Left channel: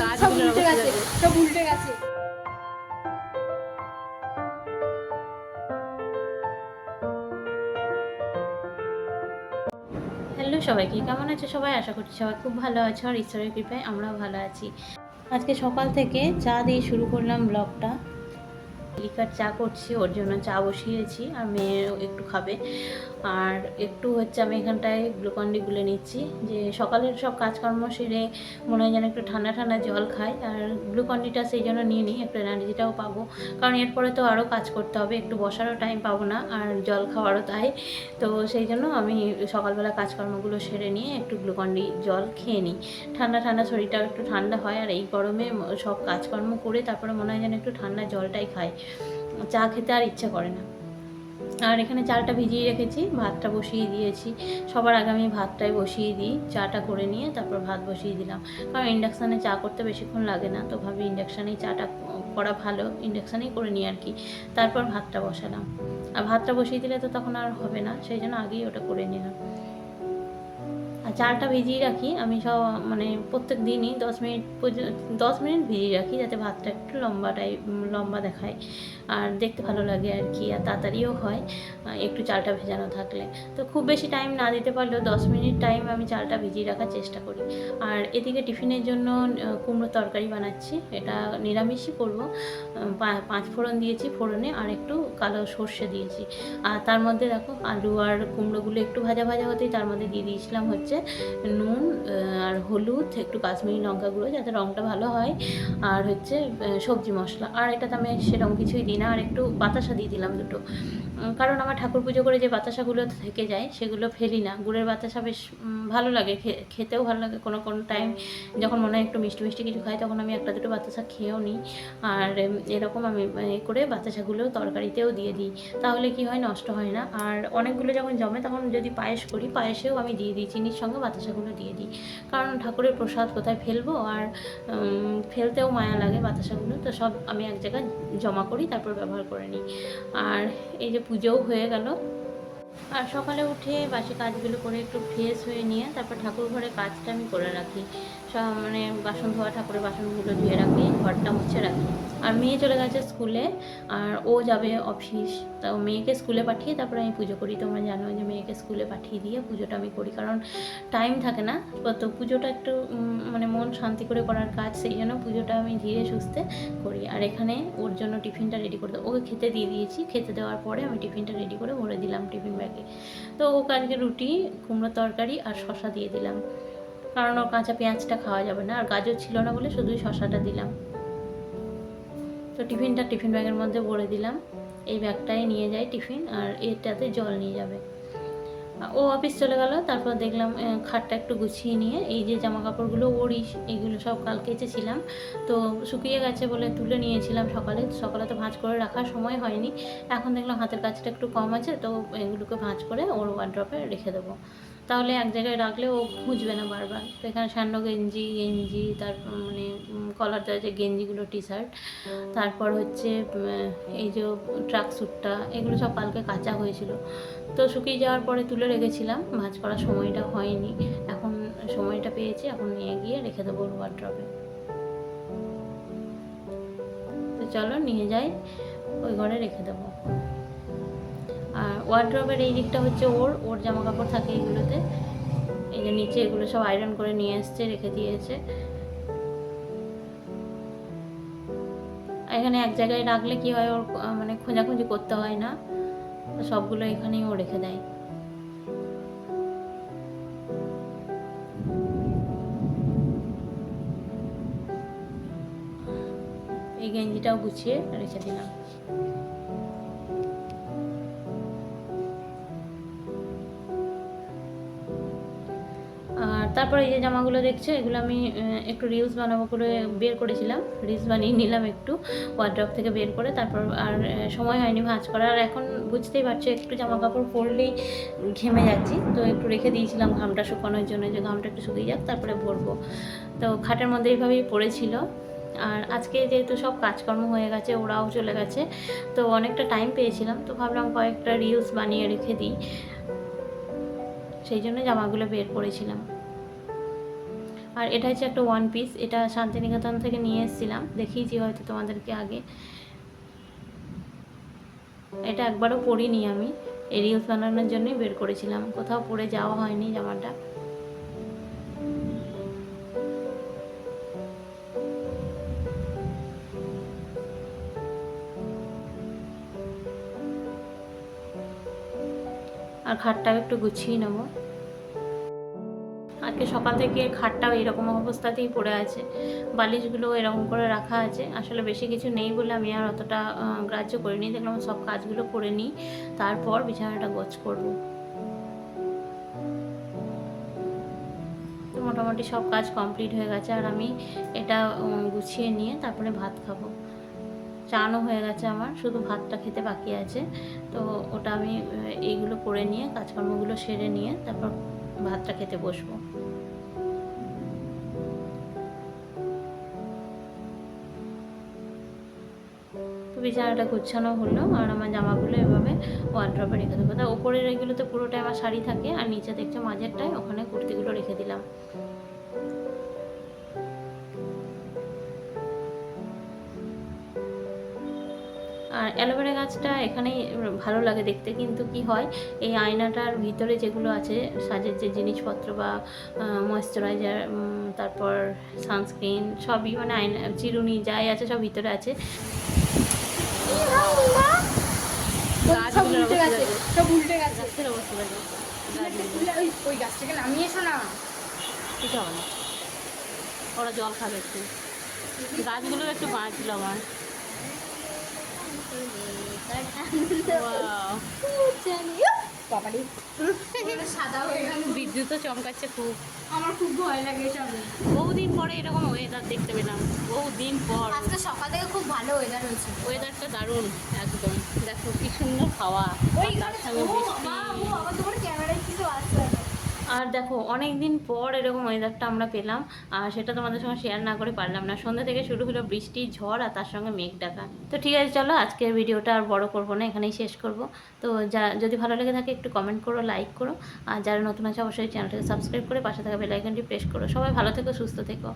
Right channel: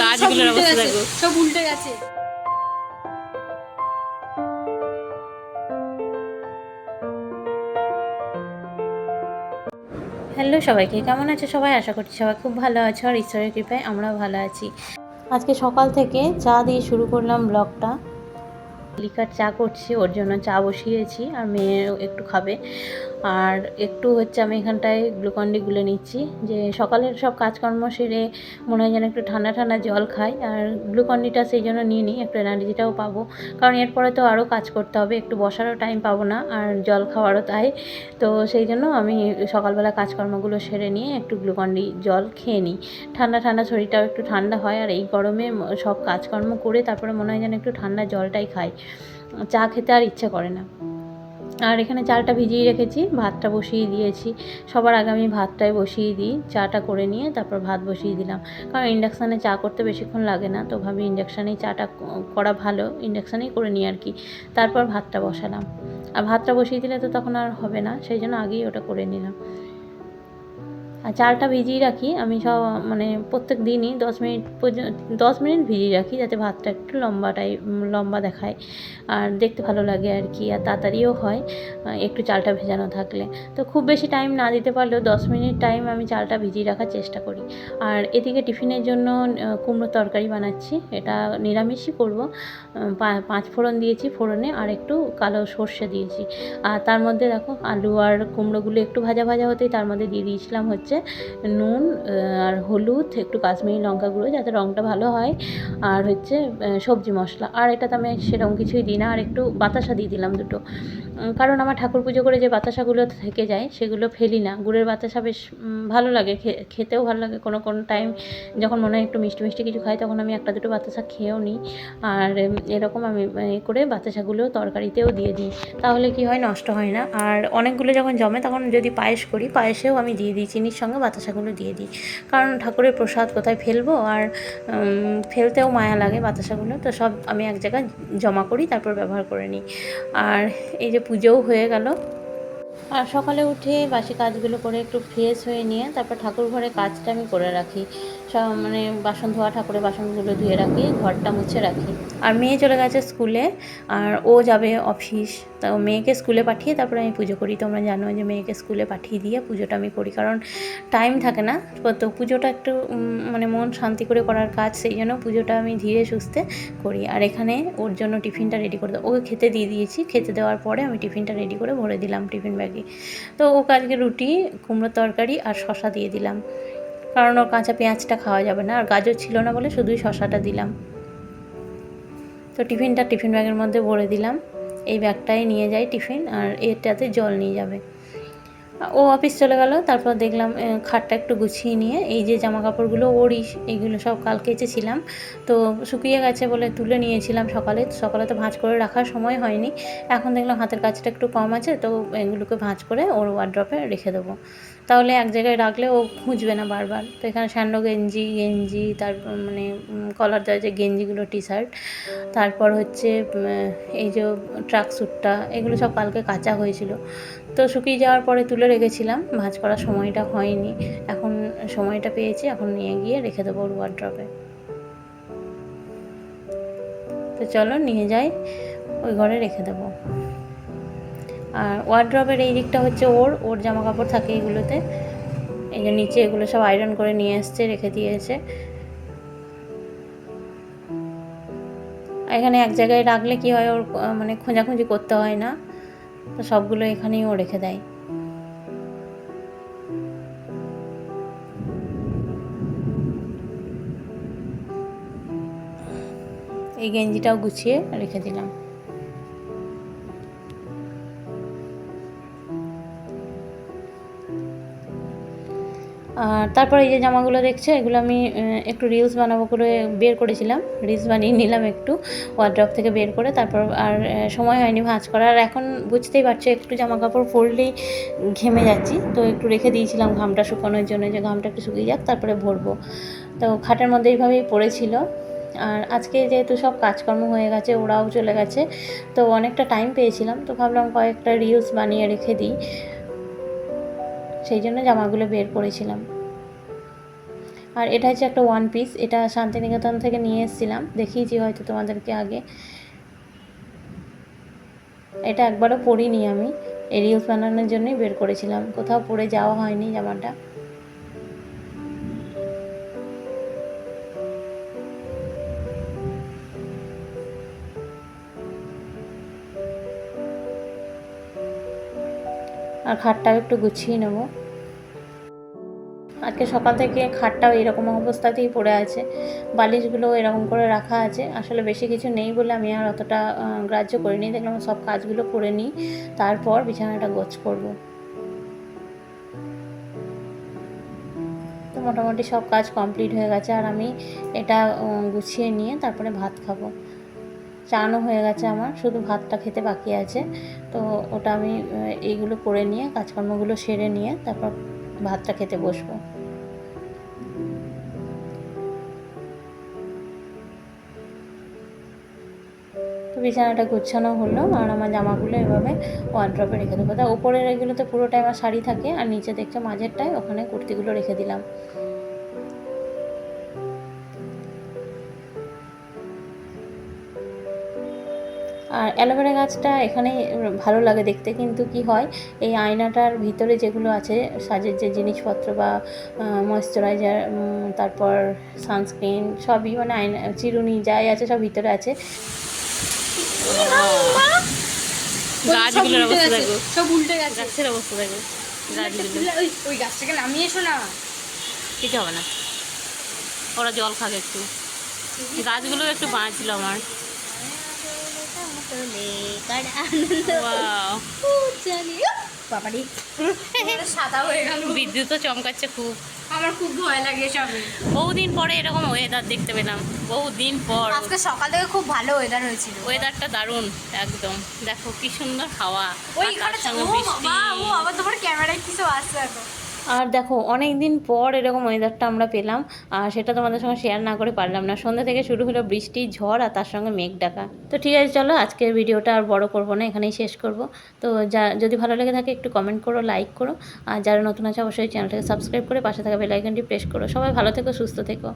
গাছগুলোর অবস্থা দেখো, সব উল্টে গেছে। হ্যালো সবাইকে, কেমন আছে সবাই? আশা করছি সবাই খুব ভালো আছে আর ঈশ্বরের কৃপায় আমরাও ভালো আছি। আজকে সকাল থেকে চা দিয়ে শুরু করলাম ব্লগটা। লিকার চা করছি, ওর জন্য চা বসিয়েছি আর মেয়েও একটু খাবে। আর একটু হচ্ছে আমি এখানটায় গ্লুকন-ডি গুলে নিচ্ছি, যে সকালের সব কাজকর্ম সেরে মনে হয় যেন একটু ঠান্ডা ঠান্ডা জল খাই। আর গ্লুকন-ডিটা সেই জন্য নিয়ে নিই, একটু এনার্জিটাও পাবো, কারণ এরপরে তো আরও কাজ করতে হবে, একটু বসারও টাইম পাবো না আর জল খাওয়ারও তাই। তো সেই জন্য আমি সকালবেলা কাজকর্মগুলো সেরে নিয়ে একটু গ্লুকন-ডি জল খেয়ে নিই। ঠান্ডা ঠান্ডা শরীরটাও একটু ঠান্ডা হয়, আর এই গরমে সব কাজকর্ম করে তারপরে মনে হয় যেন একটু ঠান্ডা জলটাই খাই, চা খেতে আর ইচ্ছে করে না। আর এখানে চালটা ভিজিয়ে রেখেছি, ভাতটা বসিয়ে দিয়েছি। সবার আগে আমি ভাতটাই বসিয়ে দিই, চাটা করে নিয়ে তারপর ভাত বসিয়ে দিলাম, কারণ ইন্ডাকশানে চা করতে বেশিক্ষণ লাগে না, তো ভাবি ইন্ডাকশানেই চাটা করা ভালো, ইন্ডাকশানেই করে নিই আর কি। তারপর ভাতটা বসালাম, আর ভাতটা বসিয়ে দিলে তো তখন আর হবে না, সেই জন্য আগেই ওটা করে নিলাম। আর চালটা ভিজিয়ে রাখি আমি সব, মানে প্রত্যেক দিনই 10 মিনিট পর্যন্ত, 10 মিনিট ভিজিয়ে রাখি, যাতে ভাতটা একটু লম্বা দেখায় আর দেখতে ভালো লাগে আর কি, আর তাড়াতাড়িও হয় একটু চালটা ভেজানো থাকলে। তো খুব বেশি টাইম না দিতে পারলেও 10 মিনিট টাইম আমি চালটা ভিজিয়ে রাখার চেষ্টা করি। আর এদিকে টিফিনের জন্য কুমড়ো তরকারি বানাচ্ছি, এটা নিরামিষই করব। 5 ফোড়ন দিয়েছি, ফোড়নে আর একটু কালো সর্ষে দিয়েছি। আর তার মধ্যে দেখো আলু আর কুমড়োগুলো একটু ভাজা ভাজা হতেই তার মধ্যে দিয়ে দিয়েছিলাম হচ্ছে নুন আর হলুদ, একটু কাশ্মীরি লঙ্কা গুঁড়ো যাতে রঙটা ভালো হয়, আর হচ্ছে সবজি মশলা। আর এটাতে আমি সেরকম কিছুই দিই না, আর একটু বাতাসা দিয়ে দিলাম দুটো, কারণ আমার ঠাকুর পুজো করে যে বাতাসাগুলো থেকে যায় সেগুলো ফেলি না। গুড়ের বাতাসা বেশ ভালো লাগে, খেতেও ভালো লাগে। কোনো কোনো টাইম যখন মনে হয় একটু মিষ্টি মিষ্টি কিছু খাই, তখন আমি একটা দুটো বাতাসা খেয়েও নিই। আর এরকম আমি করে বাতাসাগুলো তরকারিতেও দিয়ে দিই, তাহলে কি হয়, নষ্ট হয় না। আর অনেকগুলো যখন জমে তখন যদি পায়েস করি, পায়েসেও আমি দিয়ে দিই, চিনির সঙ্গে বাতাসাগুলো দিয়ে দিই, কারণ ঠাকুরের প্রসাদ কোথায় ফেলবো, আর ফেলতেও মায়া লাগে বাতাসাগুলো, তো সব আমি এক জায়গায় জমা করি, তারপর ব্যবহার করে নিই। আর এই যে পুজোও হয়ে গেল। আর সকালে উঠে বাসি কাজগুলো করে একটু ফ্রেশ হয়ে নিয়ে তারপর ঠাকুর ঘরে কাজটা আমি করে রাখি, সব মানে বাসন ধোয়া, ঠাকুরের বাসনগুলো ধুয়ে রাখি, ঘরটা মুছে রাখি। আর মেয়ে চলে গেছে স্কুলে, আর ও যাবে অফিস, তো মেয়েকে স্কুলে পাঠিয়ে তারপরে আমি পুজো করি। তোমরা জানো যে মেয়েকে স্কুলে পাঠিয়ে দিয়ে পুজোটা আমি করি, কারণ টাইম থাকে না। তো পুজোটা একটু মানে মন শান্তি করে করার কাজ, সেই জন্য পুজোটা আমি ধীরে সুস্থে করি। আর এখানে ওর জন্য টিফিনটা রেডি করে ওকে খেতে দিয়ে দিয়েছি, খেতে দেওয়ার পরে আমি টিফিনটা রেডি করে ভরে দিলাম টিফিন ব্যাগে। তো ওকে আজকে রুটি, কুমড়োর তরকারি আর শশা দিয়ে দিলাম, কারণ ওর কাঁচা পেঁয়াজটা খাওয়া যাবে না, আর গাজর ছিল না বলে শুধুই শশাটা দিলাম। তো টিফিন ব্যাগের মধ্যে ভরে দিলাম, এই ব্যাগটাই নিয়ে যাই টিফিন, আর এটাতে জল নিয়ে যাবে। ও অফিস চলে গেল, তারপর দেখলাম খাটটা একটু গুছিয়ে নিয়ে এই যে জামা কাপড়গুলো ওরই, এইগুলো সব কাল কেচেছিলাম, তো শুকিয়ে গেছে বলে তুলে নিয়েছিলাম সকালে তো ভাঁজ করে রাখার সময় হয়নি। এখন দেখলাম হাতের কাজটা একটু কম আছে, তো এগুলোকে ভাঁজ করে ওর ওয়ার্ড্রপে রেখে দেবো, তাহলে এক জায়গায় রাখলে ও খুঁজবে না বারবার। তো এখানে স্যান্ডো গেঞ্জি তারপর মানে কলার দেওয়া যে গেঞ্জিগুলো, টি শার্ট, তারপর হচ্ছে এই যে ট্রাক স্যুটটা, এগুলো সব কালকে কাচা হয়েছিল, তো শুকিয়ে যাওয়ার পরে তুলে রেখেছিলাম, ভাঁজ করার সময়টা হয়নি, এখন সময়টা পেয়েছি, এখন নিয়ে গিয়ে রেখে দেবো ওর ওয়ার্ড্রপে। তো চলো নিয়ে যাই, ওই ঘরে রেখে দেবো। আর ওয়ার্ড্রপের এই দিকটা হচ্ছে ওর জামা কাপড় থাকে এগুলোতে, এই যে নিচে এগুলো সব আয়রন করে নিয়ে এসছে, রেখে দিয়েছে। এখানে এক জায়গায় রাখলে কি হয়, ওর মানে খোঁজাখুঁজি করতে হয় না, তো সবগুলো এখানেই ও রেখে দেয়। এই গেঞ্জিটাও গুছিয়ে রেখে দিলাম। আর তারপরে এই যে জামাগুলো দেখছো, এগুলো আমি একটু রিলস বানাবো করে বের করেছিলাম, রিলস বানিয়ে নিলাম একটু ওয়ার্ড্রপ থেকে বের করে, তারপর আর সময় হয়নি ভাঁজ করা। আর এখন বুঝতেই পারছো, একটু জামা কাপড় পরলেই ঘেমে যাচ্ছি, তো একটু রেখে দিয়েছিলাম ঘামটা শুকানোর জন্য, যে ঘামটা একটু শুকিয়ে যাক তারপরে ভরবো। তো খাটের মধ্যে এইভাবেই পড়েছিল। আর আজকে যেহেতু সব কাজকর্ম হয়ে গেছে, ওরাও চলে গেছে, তো অনেকটা টাইম পেয়েছিলাম, তো ভাবলাম কয়েকটা রিলস বানিয়ে রেখে দিই, সেই জন্য জামাগুলো বের করেছিলাম। আর এটা হচ্ছে একটা ওয়ান পিস, এটা শান্তিনিকেতন থেকে নিয়ে এসেছিলাম, দেখিয়েছি হয়তো তোমাদেরকে আগে। এটা একবারও পরিনি আমি, এই রিলস বানানোর জন্যই বের করেছিলাম, কোথাও পরে যাওয়া হয়নি জামাটা। আর খাটটাও একটু গুছিয়ে নেবো। আজকে সকাল থেকে খাটটাও এরকম অবস্থাতেই পড়ে আছে, বালিশগুলো এরকম করে রাখা আছে। আসলে বেশি কিছু নেই বলে আমি আর অতটা গ্রাহ্য করিনি, দেখলাম সব কাজগুলো করে নিই, তারপর বিছানাটা গোছ করব। তো মোটামুটি সব কাজ কমপ্লিট হয়ে গেছে, আর আমি এটা গুছিয়ে নিয়ে তারপরে ভাত খাবো। চানও হয়ে গেছে আমার, শুধু ভাতটা খেতে বাকি আছে। তো ওটা আমি এইগুলো করে নিয়ে, কাজকর্মগুলো সেরে নিয়ে তারপর ভাতটা খেতে বসবো। তো বিছানাটা গুছানো হলো, আর আমার জামাগুলো এভাবে ওয়ার্ড্রপে রেখে দেবো। তা ওপরের এগুলো তো পুরোটাই আমার শাড়ি থাকে, আর নিচে দেখছো মাঝেরটায় ওখানে কুর্তিগুলো রেখে দিলাম। আর অ্যালোভেরা গাছটা এখানেই ভালো লাগে দেখতে, কিন্তু কি হয়, এই আয়নাটার ভিতরে যেগুলো আছে সাজের যে জিনিসপত্র বা ময়েশ্চারাইজার, তারপর সানস্ক্রিন, সবই মানে আয়না, চিরুনি যাই আছে সব ভিতরে আছে। গাছগুলোর অবস্থা দেখো, সব উল্টে গেছে, গাছের অবস্থা দেখো, গাছগুলো ওই গাছ থেকে নামিয়ে এসো না, কিছু হবে না, ওরা জল খাবে একটু, গাছগুলো একটু বাঁচছিল আমার। বিদ্যুৎও চমকাচ্ছে খুব, আমার খুব ভয় লাগে সবে। বহুদিন পরে এরকম ওয়েদার দেখতে পেলাম, বহুদিন পর। আজকে সকাল থেকে খুব ভালো ওয়েদার হয়েছিল, ওয়েদারটা দারুণ একদম। দেখো কি সুন্দর হাওয়া, আর তার সঙ্গে বৃষ্টি। তোমার ক্যামেরায় কিছু আসছে। আর দেখো অনেক দিন পর এরকম ওয়েদারটা আমরা পেলাম, আর সেটা তোমাদের সঙ্গে শেয়ার না করে পারলাম না। সন্ধ্যা থেকে শুরু হলো বৃষ্টি, ঝড়, আর তার সঙ্গে মেঘ ডাকা। তো ঠিক আছে, চলো আজকের ভিডিওটা আর বড় করবো না, এখানেই শেষ করব। তো যদি ভালো লেগে থাকে একটু কমেন্ট করো, লাইক করো, আর যারা নতুন আছে অবশ্যই চ্যানেলটাকে সাবস্ক্রাইব করে পাশে থাকা বেল আইকনটি প্রেস করো। সবাই ভালো থেকো, সুস্থ থেকো।